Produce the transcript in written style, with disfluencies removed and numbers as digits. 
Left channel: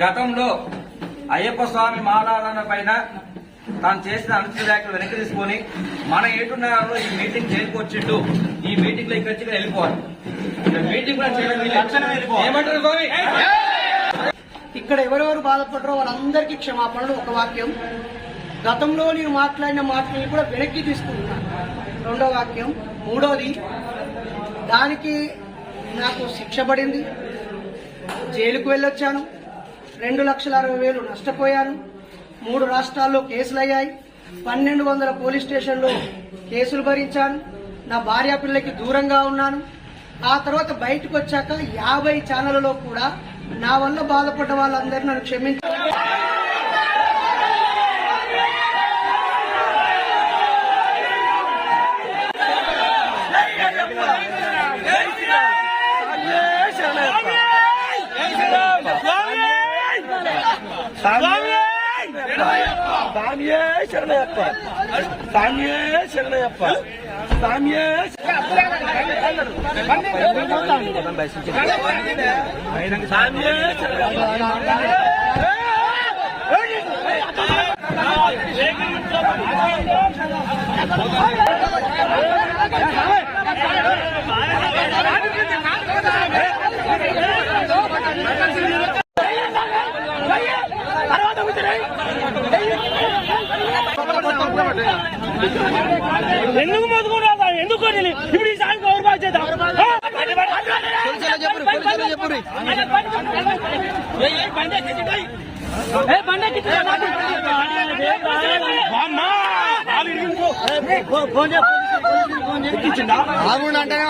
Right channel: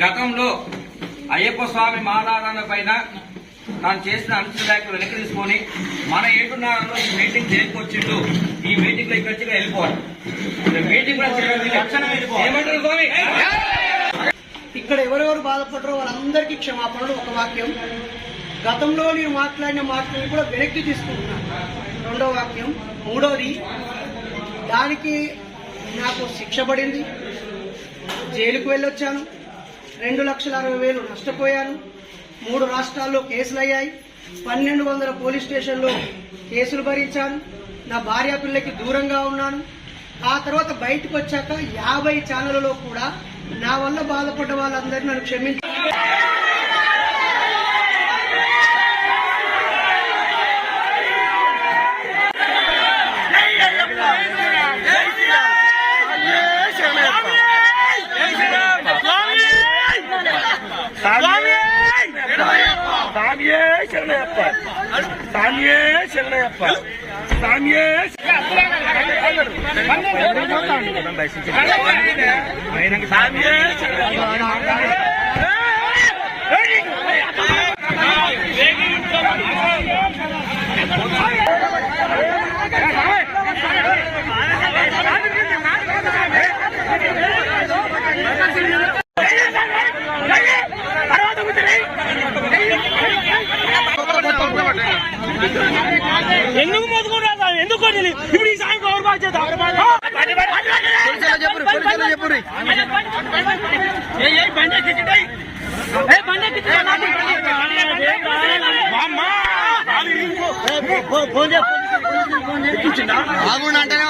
గతంలో అయ్యప్ప స్వామి మాలారాధన పైన తాను చేసిన అనుచిత వ్యాఖ్యలు వెనక్కి తీసుకొని మన ఏటున్నారో ఈ మీటింగ్ చేరుకొచ్చిండు, ఈ మీటింగ్ లో ఇక్కడ వచ్చి వెళ్ళిపోవాలి. మీటింగ్ ఏమంటారు స్వామి? ఇక్కడ ఎవరెవరు బాధపడరో వాళ్ళందరికీ క్షమాపణలు. ఒక వాక్యం, గతంలో నేను మాట్లాడిన మాటలను కూడా వెనక్కి తీసుకుంటున్నాను. రెండో వాక్యం. మూడోది, దానికి నాకు శిక్ష పడింది, జైలుకు వెళ్ళొచ్చాను, 2,60,000 నష్టపోయాను, 3 రాష్ట్రాల్లో కేసులయ్యాయి, 1,200 పోలీస్ స్టేషన్లో కేసులు భరించాను, నా భార్య పిల్లకి దూరంగా ఉన్నాను. ఆ తర్వాత బయటకు వచ్చాక 50 ఛానళ్లలో కూడా నా వల్ల బాధపడ్డ వాళ్ళందరినీ నన్ను క్షమించారు. ఎందుకు పోతుకున్నా? ఎందుకు ఇప్పుడు ఈ సాయం ఎవరు బాగా చేద్దాం? అంటేనే